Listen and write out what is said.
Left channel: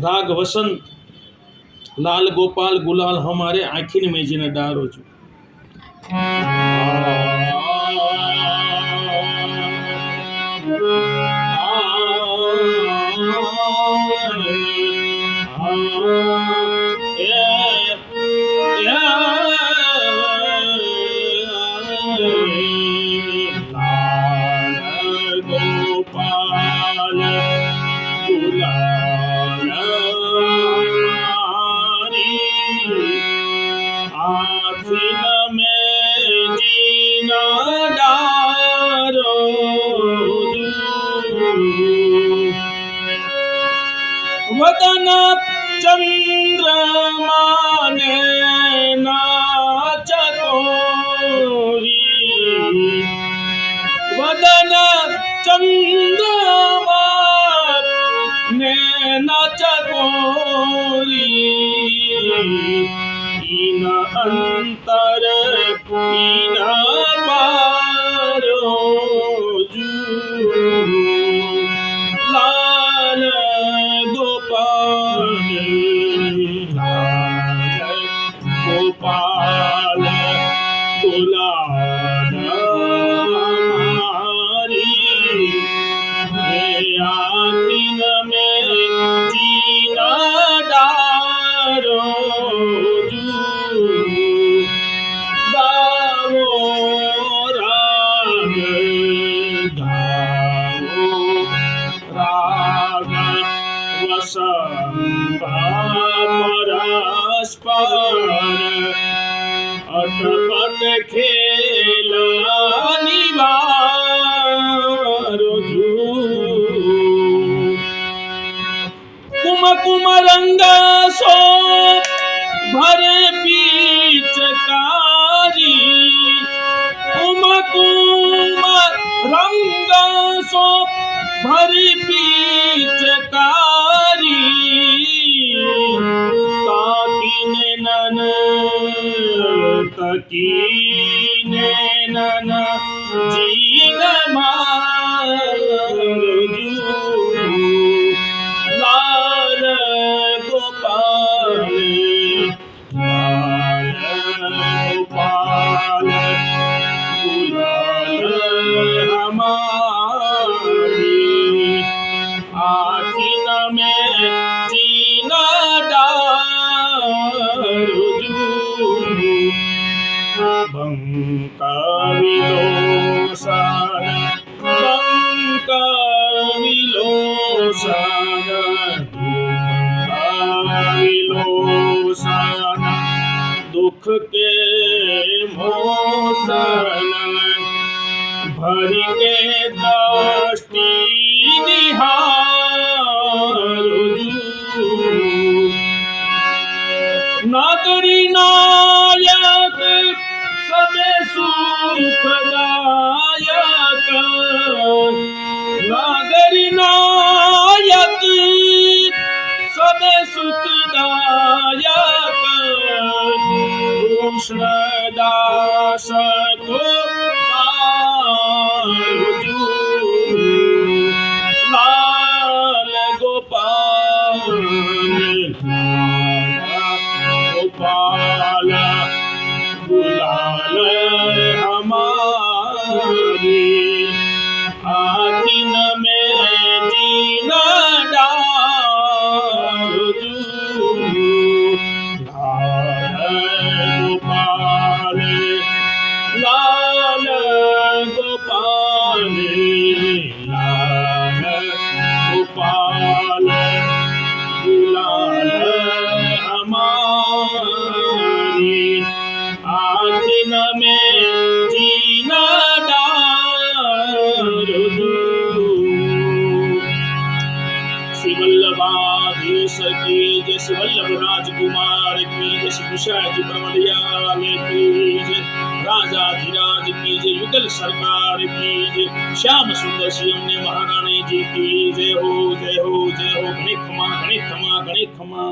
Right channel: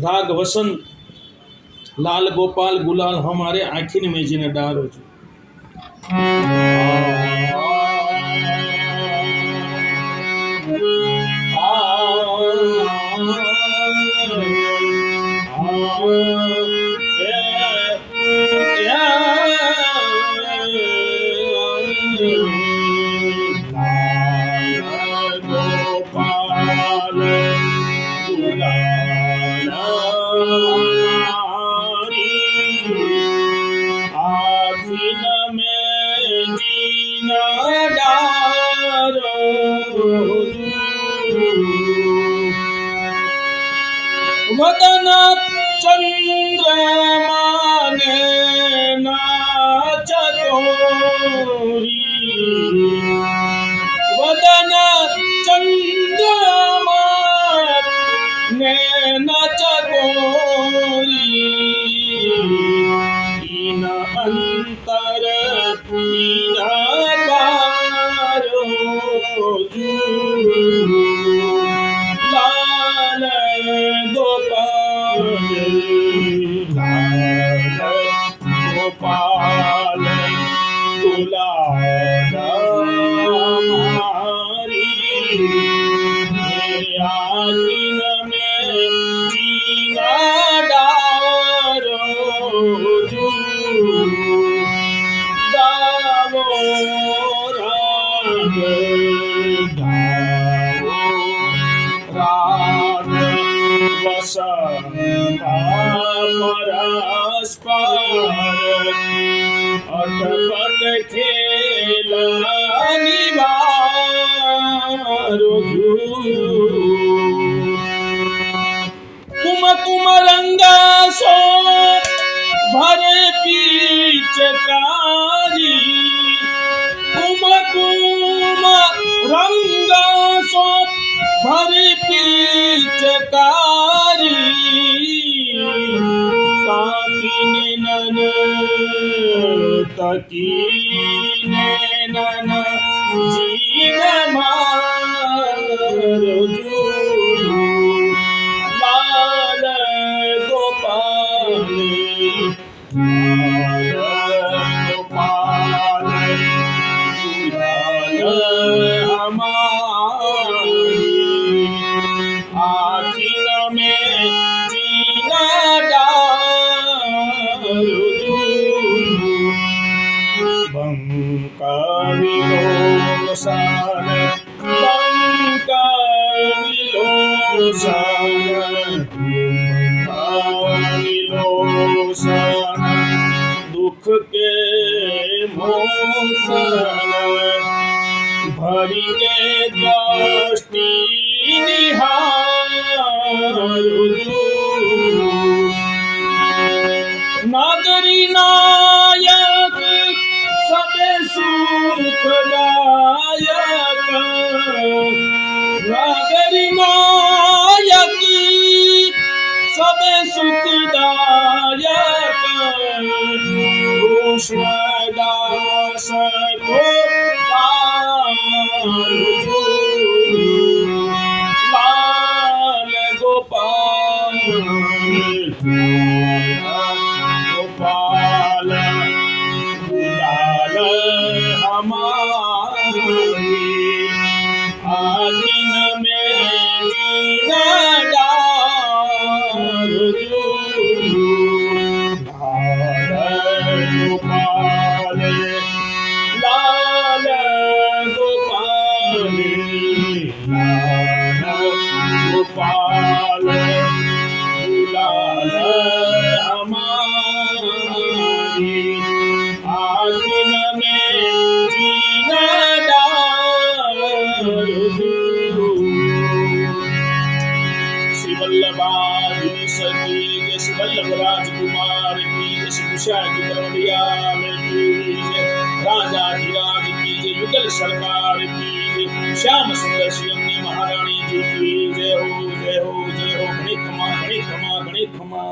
राग वसंत लाल गोपाल गुलाल हमारे आखिर में जिन डारो छू गोपाल गुलाल आखिन में जीना डारो वदन चंद्रमा ने नाचकोरी वदन चंद्रमा ने नाचकोरी इन अंतर इन पारो लाल गोपाल गुलाल हमारी आखिन में जीना डारो गावो राग वसंत परस्पर अटपट खेल निवारो कुम कुम रंग सो भर पिचकारी कुम कुम रंग सो भर पिचकारी ताकीने नन तकीने नन जीन मारो लाल गोपाल गुलाल हमारी आखिन में जीना डारो बंका विलोसन दुख के मोसन भरी के दृष्टि निहारो नागरी नायक सबे सुखदायक नागरी नायक सबे सुखदायक कृष्णदास को लाल गोपाल गुलाल हमारी आखिन में जीना डारो लाल गोपाल गुलाल हमारी आखिन में जीना डारो श्री वल्लभाधीश की जय, श्री वल्लभ राजकुमार की जय, श्री कुशाजी परमदयाल की जय, राजाधिराज की जय, युगल सरकार की जय, श्याम सुंदर श्री अम्ने महारानी जी की जय हो जय हो जय हो। गणित खमा गणित खमा गणित खमा।